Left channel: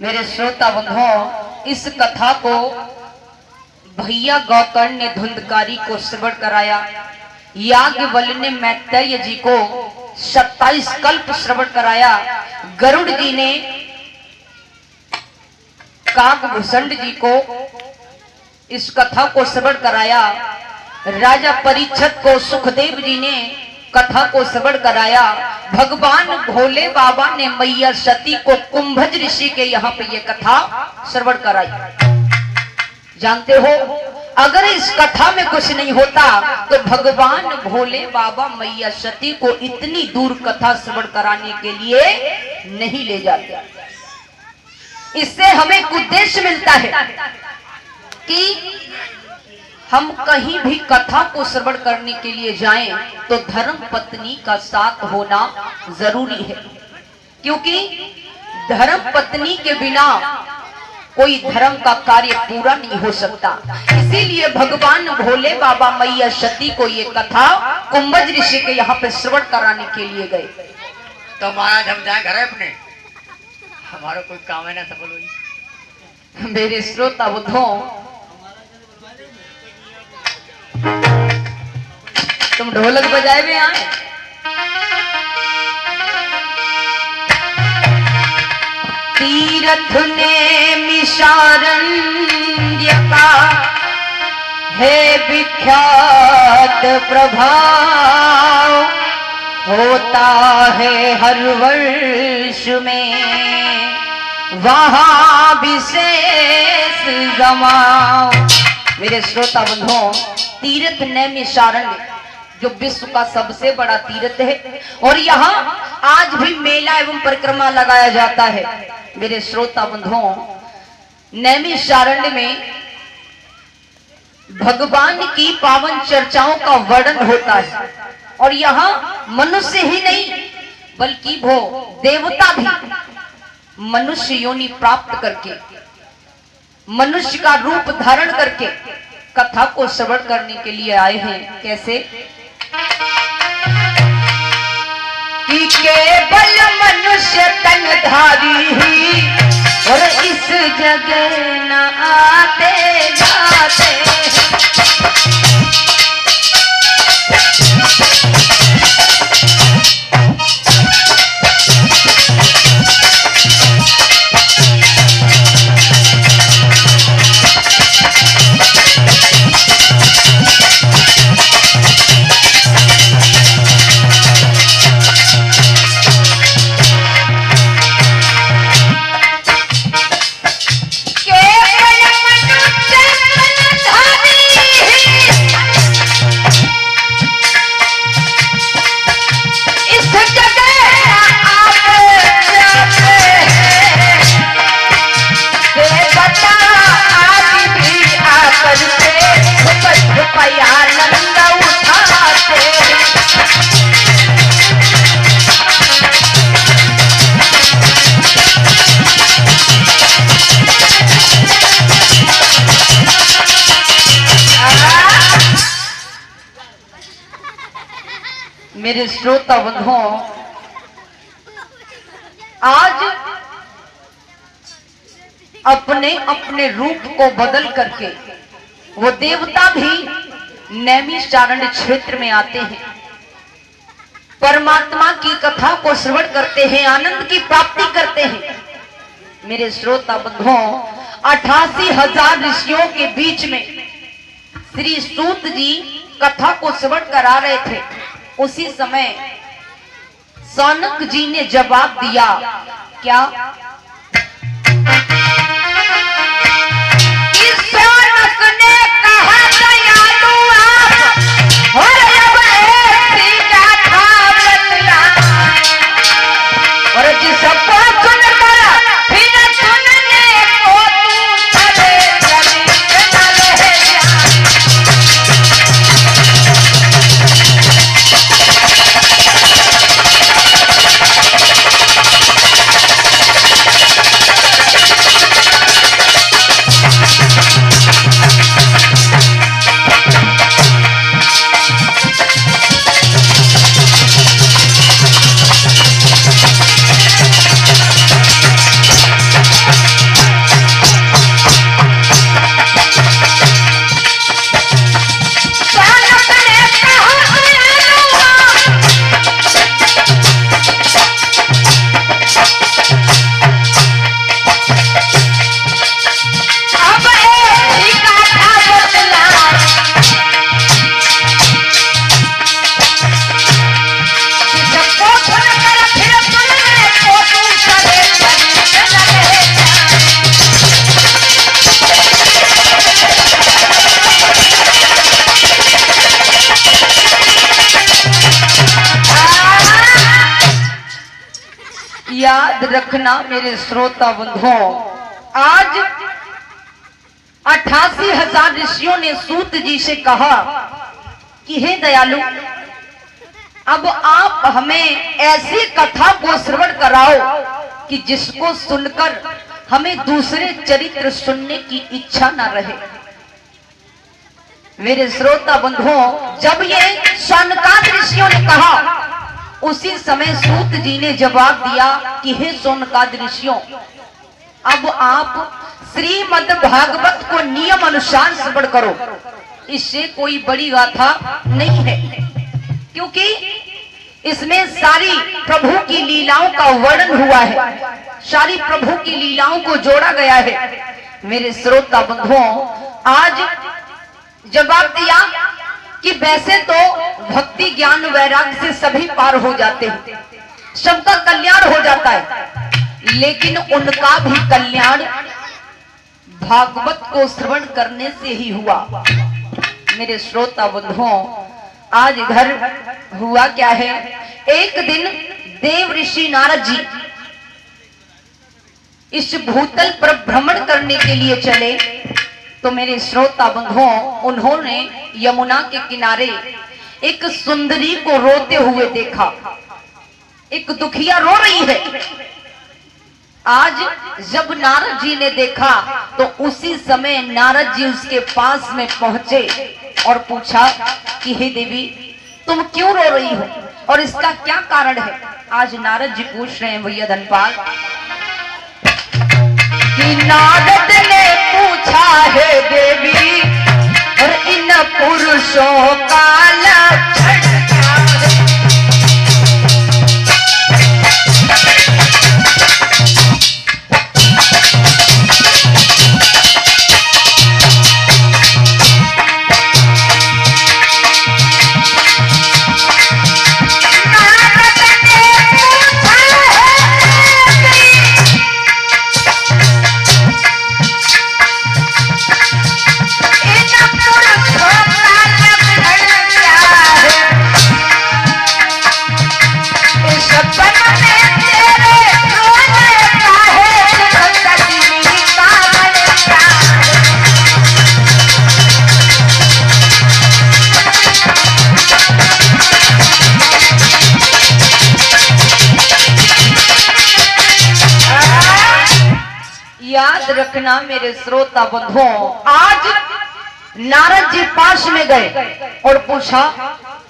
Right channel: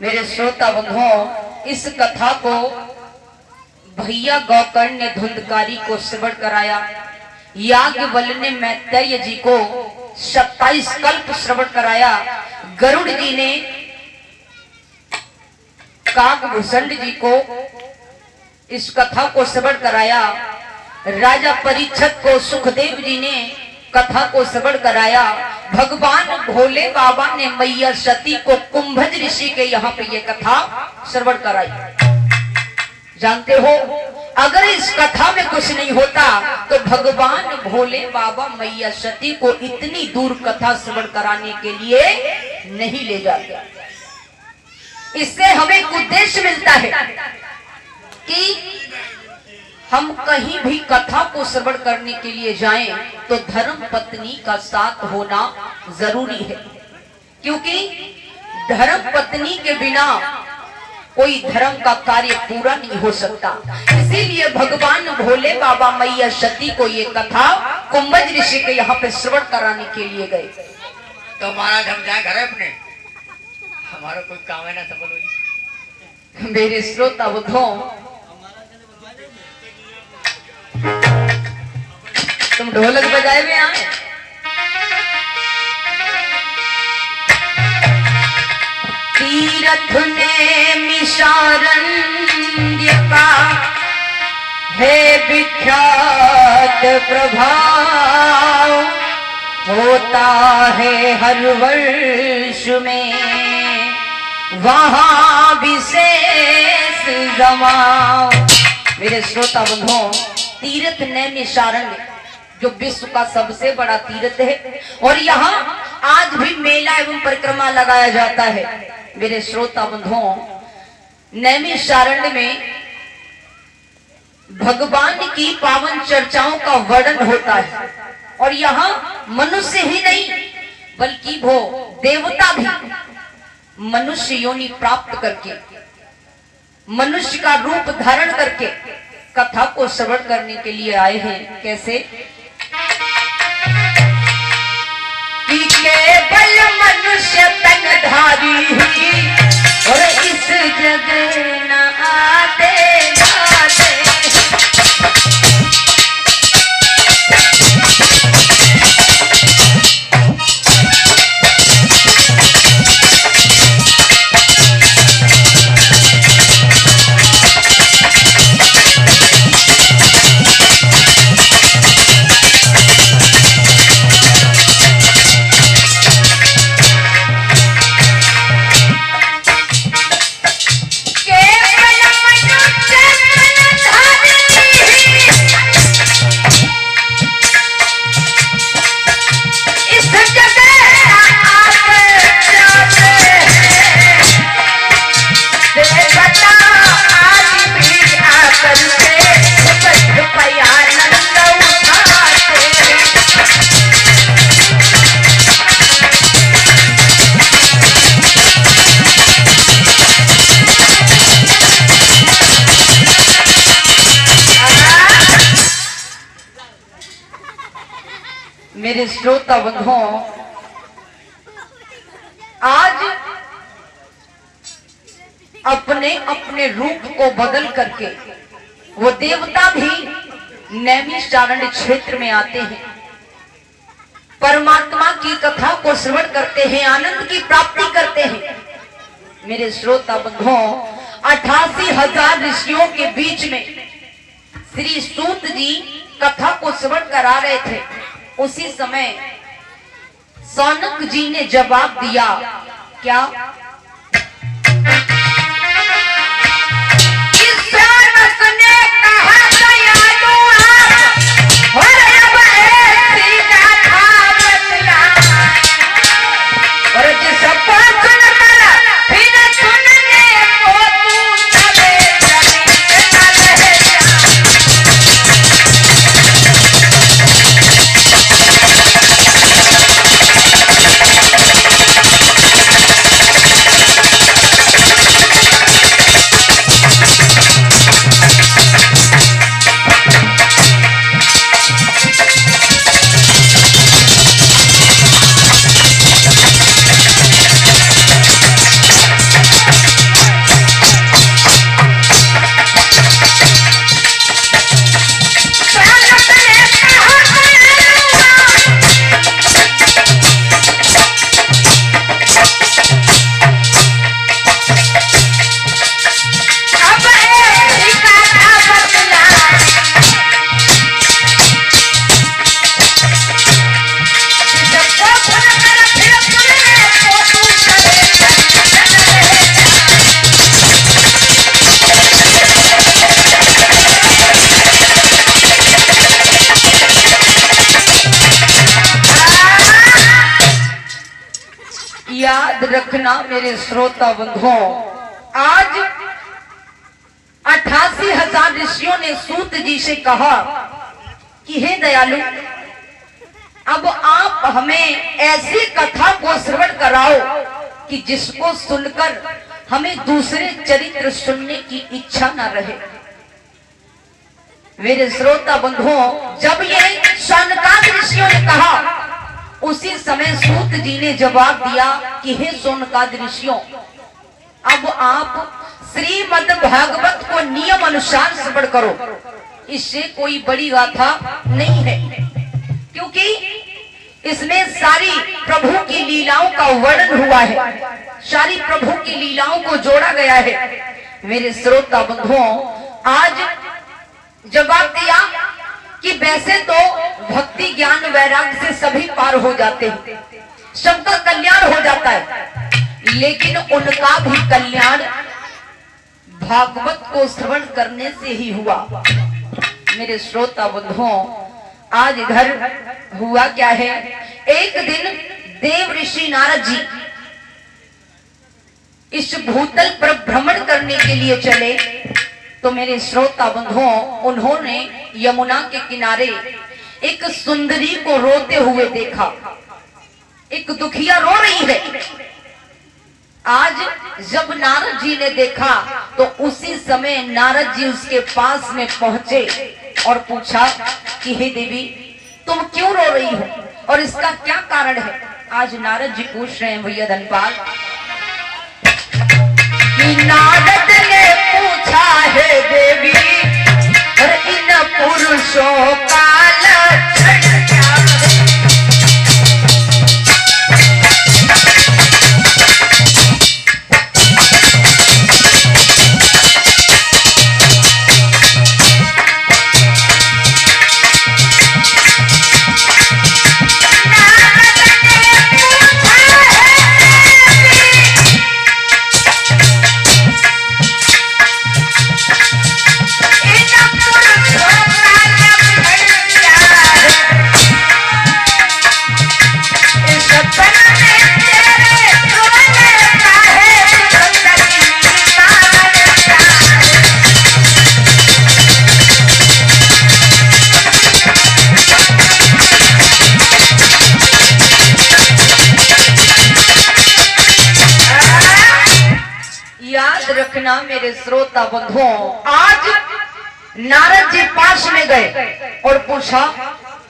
मेरे श्रोता बंधुओं, इस कथा को भैया गौकर्ण ने धुंधकारी को श्रवण कराया। याज्ञवल्क्य ने मैत्रेय जी को 27 कल्प श्रवण कराया। गरुड़ जी ने काकभूषण जी को इस कथा को श्रवण कराया। राजा परीक्षित को सुखदेव जी ने कथा को श्रवण कराया। भगवान भोले बाबा ने मैया सती को कुंभज ऋषि के यहाँ पे ये कथा श्रवण कराई। जानते हो, अगर इस कथा में कुछ नहीं होता तो भगवान भोले बाबा मैया सती को इतनी दूर कथा श्रवण कराने के लिए नहीं ले जाते। इससे हमें एक उद्देश्य मिलता है कि हम कहीं भी कथा को श्रवण करने के लिए जाएं तो धर्म पत्नी का साथ होना जरूरी है, क्योंकि धर्म पत्नी के बिना कोई धर्म का कार्य पूरा नहीं हो सकता। इसीलिए भगवान भोले बाबा मैया सती को ये कथा कुंभज ऋषि के यहाँ पे श्रवण कराने के लिए गए। तो महाराज हम जाए घर अपने, हमारा कोई काम है ना सब। मेरे श्रोता बुद्धों, तुम ढोलक बजाए हुए आए। तीरथ ने मिशारण्य का है विख्यात प्रभाव, होता है हर वर्ष में वहां विशेष जमाओ। मेरे श्रोता बंधुओं, तीर्थ नैमिषारण्य जो विश्व का सबसे बड़ा तीर्थ है और यहाँ आज भी मेला एवं परिक्रमा लगाया जाता है। मेरे श्रोता बंधुओं, नैमिषारण्य में भगवान की पावन चर्चाओं का वर्णन होता है और यहाँ मनुष्य ही नहीं बल्कि वो देवता भी मनुष्य योनि प्राप्त करके, मनुष्य का रूप धारण करके कथा को श्रवण करने के लिए आए हैं। कैसे कि केवल मनुष्य तनधारी ही और इस जगह न आते जाते। मेरे श्रोता बंधुओं, आज अपने अपने रूप को बदल करके वो देवता भी नैमिषारण्य क्षेत्र में आते हैं, परमात्मा की कथा को श्रवण करते हैं, आनंद की प्राप्ति करते हैं। मेरे श्रोता बंधुओं, 88,000 ऋषियों के बीच में श्री सूत जी कथा को श्रवण करा रहे थे। उसी समय सौनक जी ने जवाब दिया, क्या? सौनक ने कहा, दयालु आप और अब ऐसी गाथा और जिसको सुनकर फिर सुनने को तू चले याद रखना मेरे श्रोता बंधुओं, आज 88,000 ऋषियों ने सूत जी से कहा कि हे दयालु, अब आप हमें ऐसी कथा को श्रवण कराओ कि जिसको सुनकर हमें दूसरे चरित्र सुनने की इच्छा न रहे। मेरे श्रोता बंधुओं, जब ये शौनकादि ऋषियों ने कहा, उसी समय सूत जी ने जवाब दिया कि हे शौनकादि ऋषियों, अब आप श्रीमद् भागवत को नियम अनुसार श्रवण करो। इससे कोई बड़ी गाथा नहीं है, क्योंकि इसमें सारी प्रभु की लीलाओं का वर्णन हुआ है, सारी प्रभु की लीलाओं को जोड़ा गया है। मेरे श्रोता बंधुओं, आज जवाब दिया कि वैसे तो भक्ति ज्ञान वैराग्य से सभी पार हो जाते हैं, सबका कल्याण हो जाता है, लेकिन उनका भी कल्याण भागवत को श्रवण करने से ही हुआ। मेरे श्रोता बंधुओं, आज इधर हुआ क्या है, एक दिन देव ऋषि नारद जी इस भूतल पर भ्रमण करने के लिए चले, तो मेरे श्रोता बंधुओं, उन्होंने यमुना के किनारे एक सुंदरी को रोते हुए देखा। एक दुखिया रो रही है। आज जब नारद जी ने देखा तो उसी समय नारद जी उसके पास में पहुंचे और पूछा कि हे देवी, तुम क्यों रो रही हो और इसका क्या कारण है। आज नारद जी पूछ रहे हैं भैया धनपाल कि नारद ने पूछा है देवी, और इन पुरुषों का लक्षण क्या है? याद रखना मेरे श्रोता बंधुओं, आज नारद जी पास में गए और पूछा